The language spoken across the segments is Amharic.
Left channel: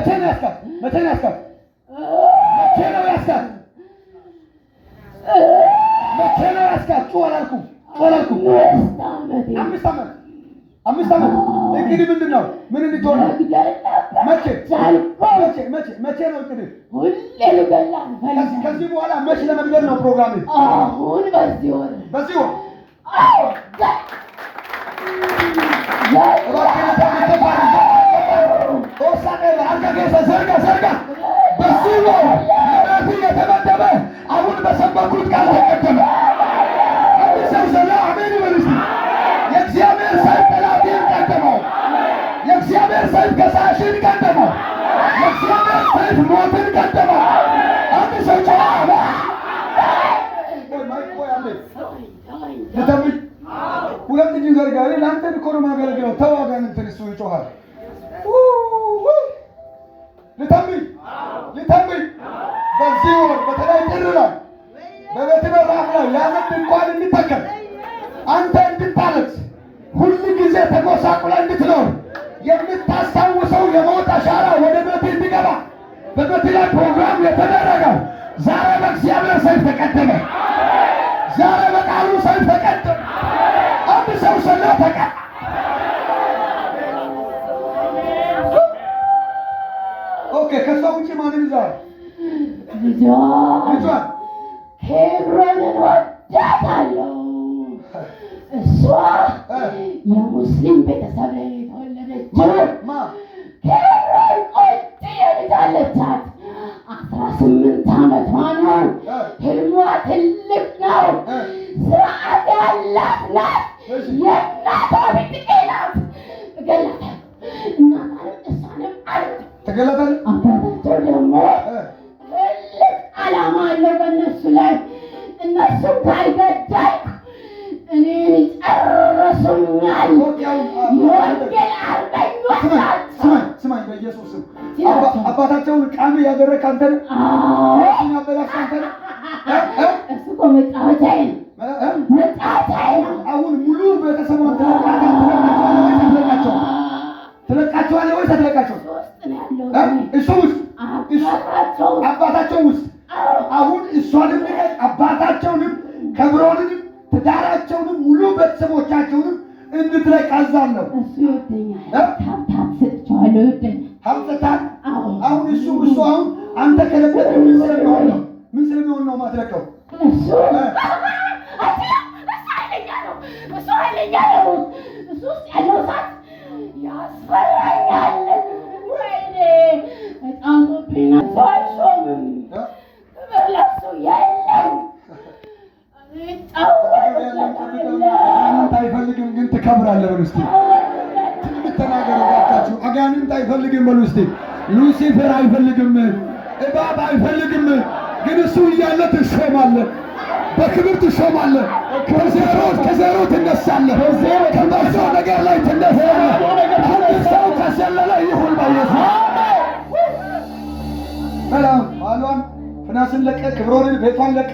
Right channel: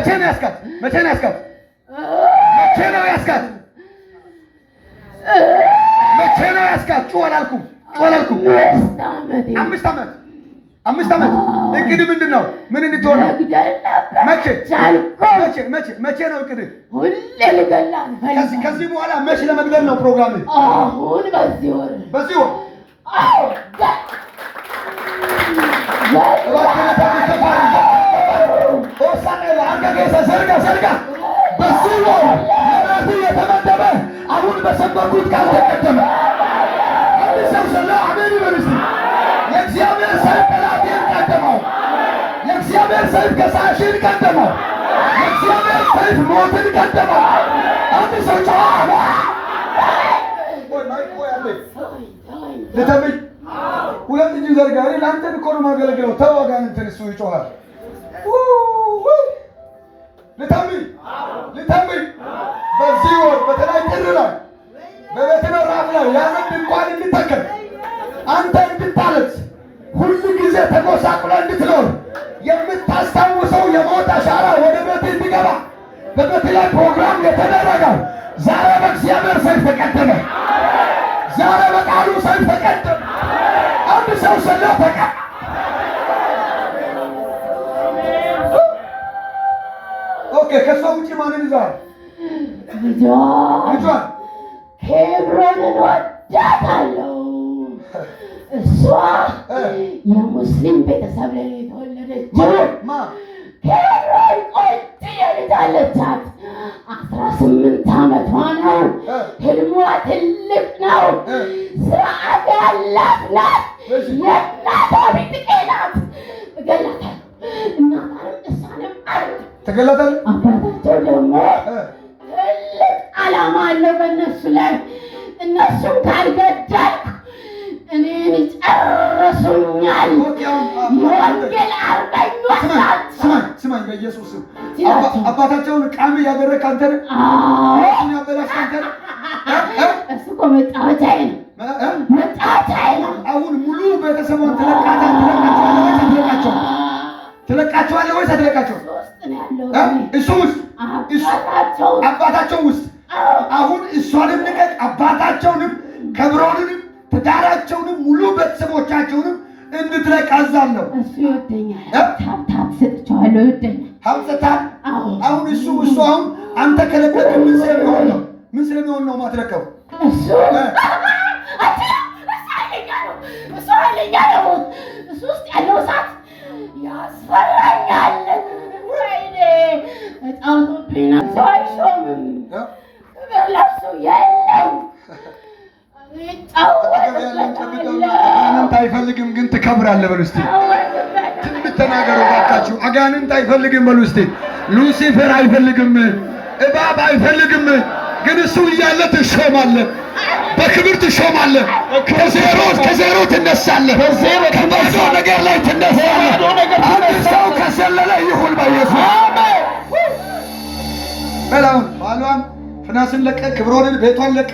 መቼ ነው ያስካት? መቼ ነው ያስካት? መቼ ነው ያስካት? መቼ ነው ያስካት? ጩኸ አላልኩም። 5 ዓመት 5 ዓመት። እቅድ ምንድን ነው? ምን እንድትሆን ነው? መቼ ነው እቅድ? ሁሌ ልገላት። ከዚህ በኋላ መቼ ለመግደል ነው ፕሮግራም? አሁን በዚህ ወር የተመደበ አሁን በሰበኩት ቃል ተቀደመ። የእግዚአብሔር ሰይፍ ጠላትን ቀደመው። የእግዚአብሔር ሰይፍ ከሳሽን ቀደመው። የእግዚአብሔር ሰይፍ ሞትን ቀደመው። አንድ ሰው ልተምኝ ሁለት እጅ ዘርጋ። አንተን እኮ ነው የማገለግለው። ተው አጋንንትን፣ እሱ ይጮኻል። ልተምኝ በዚህ ወር በተለይ ጥር ላይ በቤት ምዕራፍ ላይ ያንን ድንኳን እንዲተከል አንተ እንድታለቅስ ሁሉ ጊዜ ተጎሳቁላ እንድትኖር የምታስታውሰው የሞት አሻራ ወደ ቤት እንዲገባ በቤት ላይ ፕሮግራም የተደረገው ዛሬ በእግዚአብሔር ሰይፍ ተቀደመ። ዛሬ በቃሉ ሰይፍ ተቀደመ። አንድ ሰው ሰለ ተቀ ኦኬ። ከሷ ውጪ ማንን ይዛል? ልጇን ኬብሮንን ወዳታለሁ። እሷ የሙስሊም ቤተሰብ ላይ የተወለደችው ኬብሮን ቆንጆ ልጅ አለቻት። 18 ዓመቷ ነው። ህልሟ ትልቅ ነው። ስርዓት ያላት ናት። የእናቷ ቢጤ ናት። እገላታለሁ። እናቷንም እሷንም አንድ ተገለጠል። አባታቸው ደግሞ ትልቅ ዓላማ አለው በእነሱ ላይ። እነሱም ካልገደልኩ እኔን ይጨርሱኛል። የወንጌል አርበኞች ናቸው። ስማኝ፣ በኢየሱስ አባታቸውን ቃሚ ያደረግህ አንተ ነህ። እሱን ያበላሽህ አንተ ነህ። እሱ እኮ መጫወቻዬ ነው። አሁን ሙሉ ቤተሰቧን ትለቃቸዋለህ ወይስ አትለቃቸው? እሱ ውስጥ አባታቸው ውስጥ አሁን እሷንም ንቀት፣ አባታቸውንም፣ ከብሮንንም፣ ትዳራቸውንም፣ ሙሉ ቤተሰቦቻቸውንም እንድትለቅ አዛለሁ። እሱ ይወደኛል። ሀብታት ሰጥቼዋለሁ። ይወደኛል። ሀብታት አሁን እሱ አሁን አንተ ከለቀቅ ምን ስለሚሆን ነው? ምን ስለሚሆን ነው ማትለቀው? እሱ ኃይለኛ ነው። እሱ ውስጥ ያለው እሳት ያስፈራኛል። ወይኔ ተጫውቶብኝ ነው። ሰው አይሾምም። ክብር ለእሱ የለም። አጋንንት አይፈልግም ግን ትከብራለህ በሉ እስቲ። ትንቢት ተናገሩ እባካችሁ። አጋንንት አይፈልግም በሉ እስቲ። ሉሲፈር አይፈልግም፣ እባብ አይፈልግም፣ ግን እሱ እያለ ትሾማለህ፣ በክብር ትሾማለህ። ከዜሮ ትነሳለህ፣ ከባዶ ነገር ላይ ትነሳለህ። አንድ ሰው ከሰለለ ይሁን በኢየሱስ በላውን ባሏን ፍናስን ለቀ፣ ክብሮንን ቤቷን ለቀ፣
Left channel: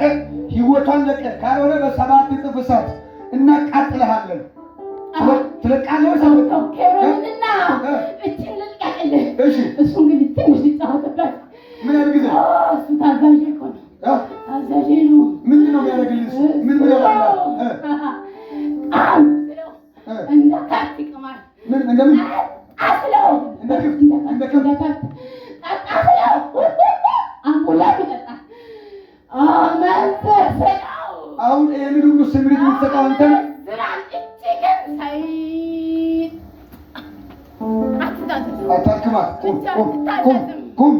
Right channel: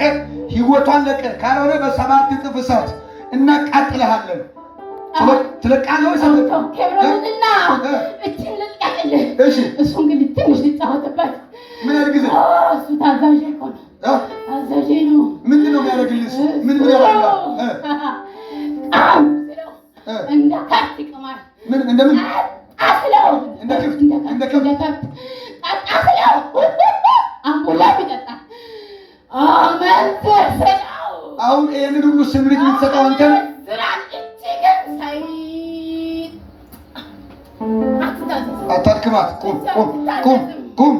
ህይወቷን ለቀ። ካልሆነ በ7 እጥፍ እሳት እናቃጥልሃለን። ትለቃለህ ወይ? ኬብሮንና እችን ልልቀቅልህ። እሱን ግን ትንሽ ልጫወትበት። ምን ያህል ጊዜ? እሱ ታዛዥ እኮ ነው። ታዛዥ ነው። ምንድን ነው የሚያደርግልህ? ምን ያደርጋል? እንደ ከብት ይቅማል። ምን እንደምን አስለው እንደ ከብት አስለው አምቡላንስ ይጠጣል። አሁን ይህንን ሁሉ ስምሪት የምትሰጠው አንተ ነህ። አታድክማት። ቁም።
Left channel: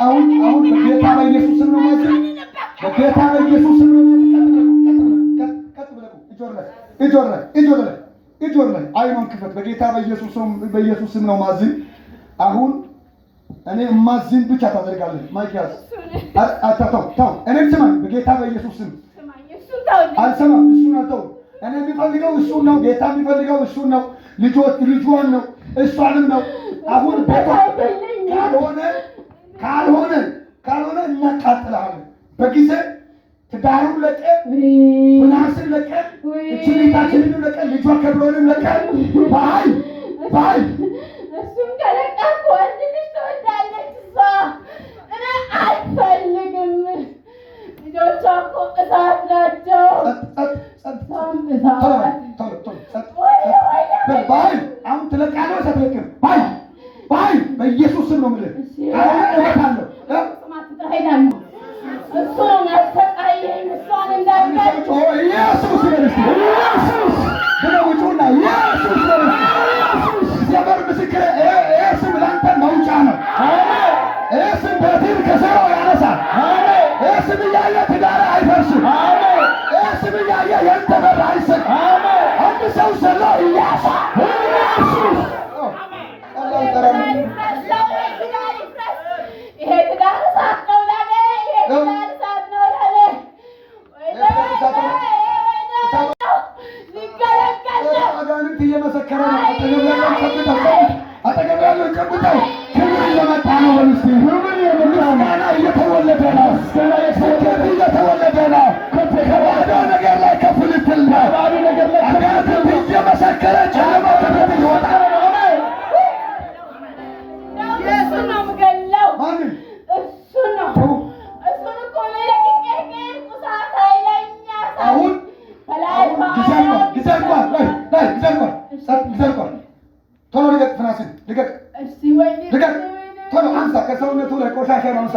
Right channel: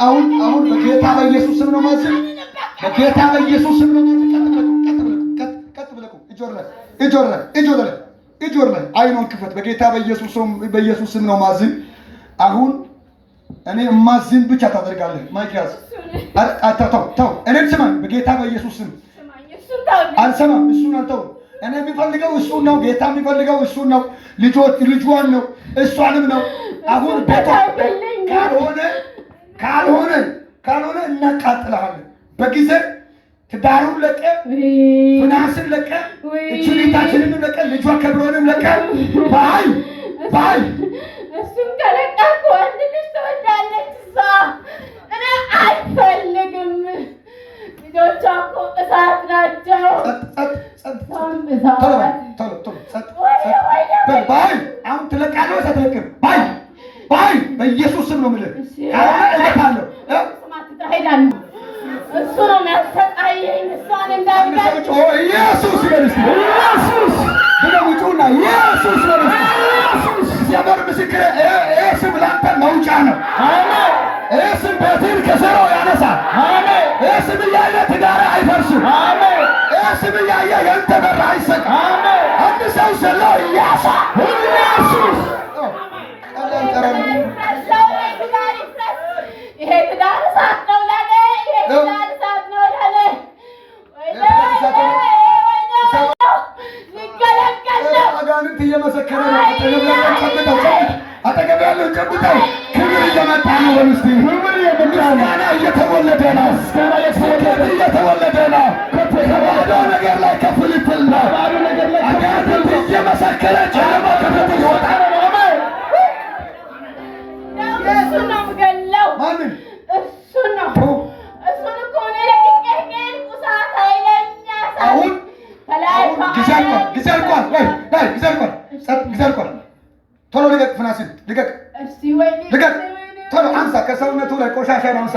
አሁን በጌታ በኢየሱስ ስም ነው ማዘን። በጌታ በኢየሱስ ስም ነው ቀጥ ብለህ እጅ ወደ ላይ አይኗን ክፈት። በጌታ በኢየሱስ ስም ነው ማዘን። አሁን እኔ ማዝን ብቻ ታደርጋለህ። ማይክያስ ተው። እኔን ስማኝ። በጌታ በኢየሱስ ስም አልሰማም። እሱን አልተውም። እኔ የሚፈልገው እሱን ነው። ጌታ የሚፈልገው እሱን ነው። ልጇን ነው፣ እሷንም ነው። አሁን ቤቷ ካልሆነ እናቃጥልሃለን። በጊዜ ትዳሩን ለቀ፣ ፍናስን ለቀ፣ እችሊታችንንም ለቀ፣ ልጇ ከብሮንም ለቀ። በኃይል እሱን ከለቀኩ በኢየሱስ ስም ነው የምልህ። አሁን እልካለሁ። እሱ ነው የሚያሰቃየኝ። እሷን እንዳውቃት ኢየሱስ በልስ ኢየሱስ ብለውጩና ኢየሱስ በልስ ዘመር ምስክር ስም ለአንተ መውጫ ነው። ስም ቤትን ከስሮ ያነሳል። ስም እያየ ትዳር አይፈርስም። ስም እያየ የአንተ በር አይሰጥም። አንድ ሰው ዘሎ ኢያሳ ኢየሱስ ይሄ ትዳር እሳት ነው ለኔ። ይሄ ትዳር እሳት ነው ለኔ። አጋንንት እየመሰከረ ነው። አጠገብ ያለው ጨብጠው ክብር እየመጣ ነው። በምስቲ ክብር ምስጋና እየተወለደ ነው። ስኬት እየተወለደ ነው። ከባዶ ነገር ላይ ከፍ ልትል ነው። አጋንንት እየመሰከረ ጨለማ ከቤት ይወጣል። እሱ ነው የምገለው። ማንም እሱ ነው። እሱን እኮ ነው የለቀቀኝ። እሳት ኃይለኛ እሳት። አሁን ጊዜ አልቋል። ጊዜ አልቋል። ቶሎ ልቀቅ፣ ፍናስን ልቀቅ፣ ልቀቅ፣ ቶሎ አንሳ። ከሰውነቱ ላይ ቆሻሻ ነው። አንሳ፣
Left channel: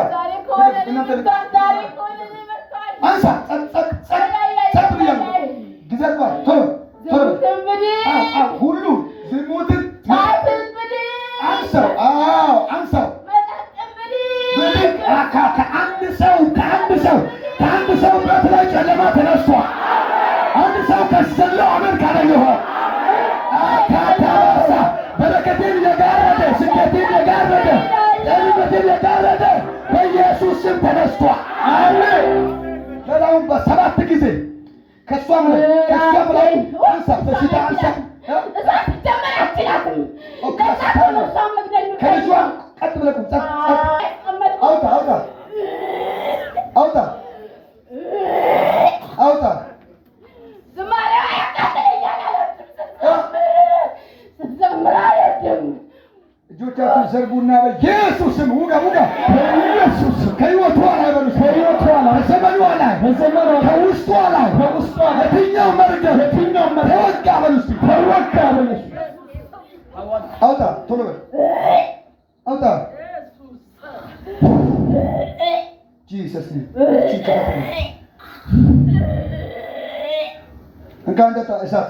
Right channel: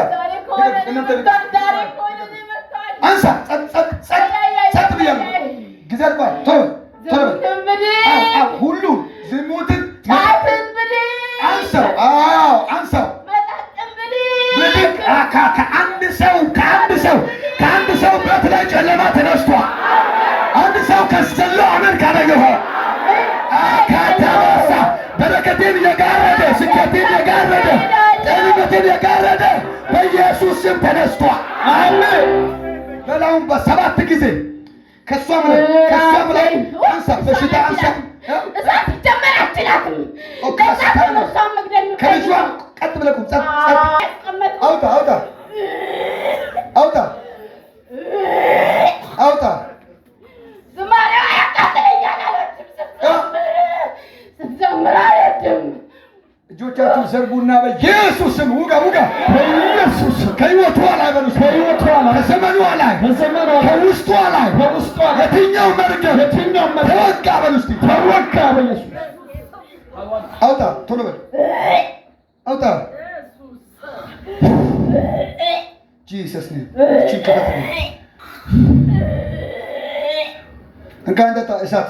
አንሳ። ጸጥ ብያለሁ። ጊዜ አልቋል። ቶሎ ሁሉ ዝሙትን አንሳው። አንሳው። ከአንድ ሰው በት ላይ ጨለማ ተነስቷል። አንድ ሰው ከሰሎ አመን ካደገፈ ካታባሳ በረከቴን የጋረደ ስኬቴን የጋረደ ጤንነቴን የጋረደ በኢየሱስ ስም ተነስቷል። አሜን። በላውን በሰባት ጊዜ ከሷ በላይ አንሳ። በሽታ አንሳ። ከልጇ ቀጥ ብለህ ቁም። አውጣ። እጆቻችሁን ዘርጉና በኢየሱስ ስም ውጋ። በኢየሱስ ስም ከሕይወቷ ላይ በሉስ፣ ከዘመኗ ላይ፣ ከውስጧ ላይ የትኛው መርገም ተወጋ በሉስ፣ ተወጋ በሉስ። አውጣ፣ ቶሎ በል አውጣ። ጂሰስ ኔም እንካ፣ እንጠጣ። እሳት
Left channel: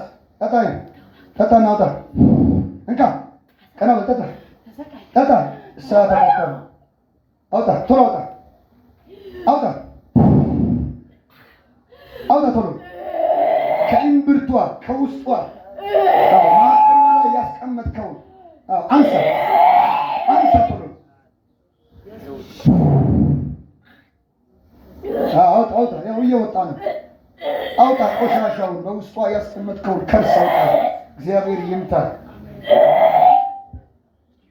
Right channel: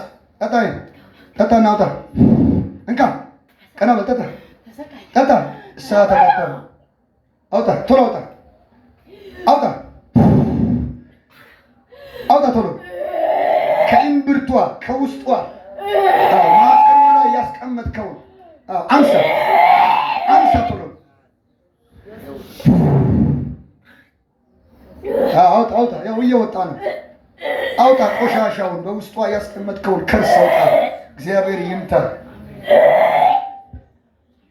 ጠጣና አውጣ። እንካ፣ ቀና በል ጠጣ። እሳት አውጣ፣ ቶሎ አውጣ፣ ቶሎ ከእምብርቷ ከውስጧ ማዕፀኗ ላይ ያስቀመጥከውን አንሳ፣ ቶሎ አውጣ። ያው እየወጣ ነው። አውጣ ቆሻሻውን፣ በውስጧ ያስቀመጥከውን ከርስ አውጣ። እግዚአብሔር ይምታ።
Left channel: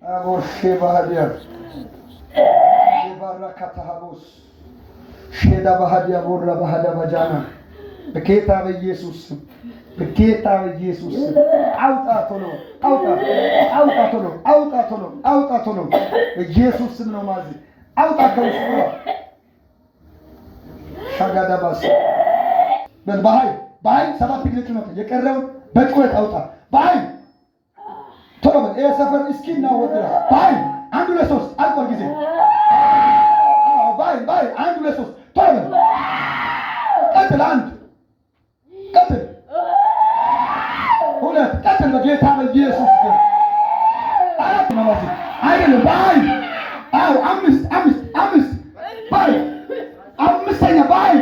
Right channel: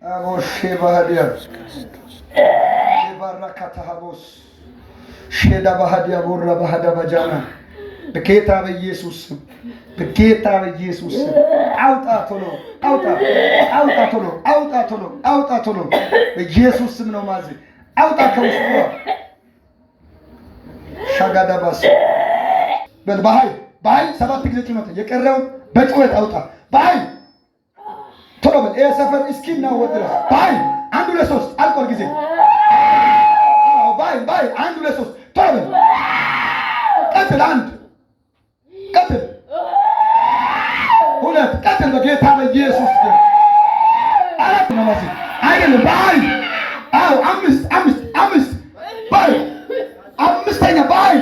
አቦሼ ባህዲያ ባራካታሃቦስ ሼዳ ባህዲያ ቦራ ባህዳ ባጃና በጌታ በኢየሱስ ስም አውጣ ቶሎ በኢየሱስ ስም ነው ማዚ አውጣ ከውስጥ ሻጋዳባስ በኃይል ሰባት ጊዜ ጭመት የቀረውን በጩኸት አውጣ። በኃይል ቶሎ በል። ይሄ ሰፈር እስኪናወጥ ድረስ በኃይል 1 2 3 አልቋል ጊዜ። በኃይል 1 2 3 ቶሎ በል። ቀጥል። 1 ቀጥል፣ 2 ቀጥል። በጌታ በኢየሱስ ስም 4 ማለት አይደለም። በኃይል 5 በኃይል አምስተኛ በኃይል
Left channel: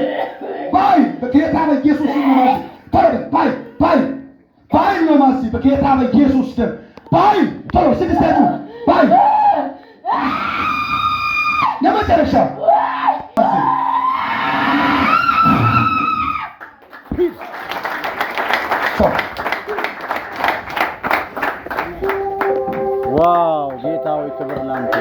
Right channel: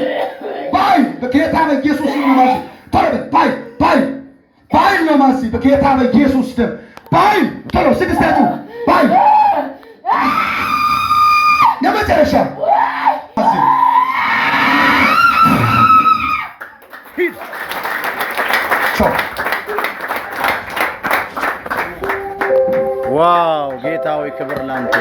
በጌታ በኢየሱስ ስም ነው። ቶሎ በኃይል ነው ማሲ በጌታ በኢየሱስ ስም በኃይል ቶሎ። ስድስተኛ በኃይል የመጨረሻ ማሲ ዋው! ጌታ ሆይ ክብር ላንተ።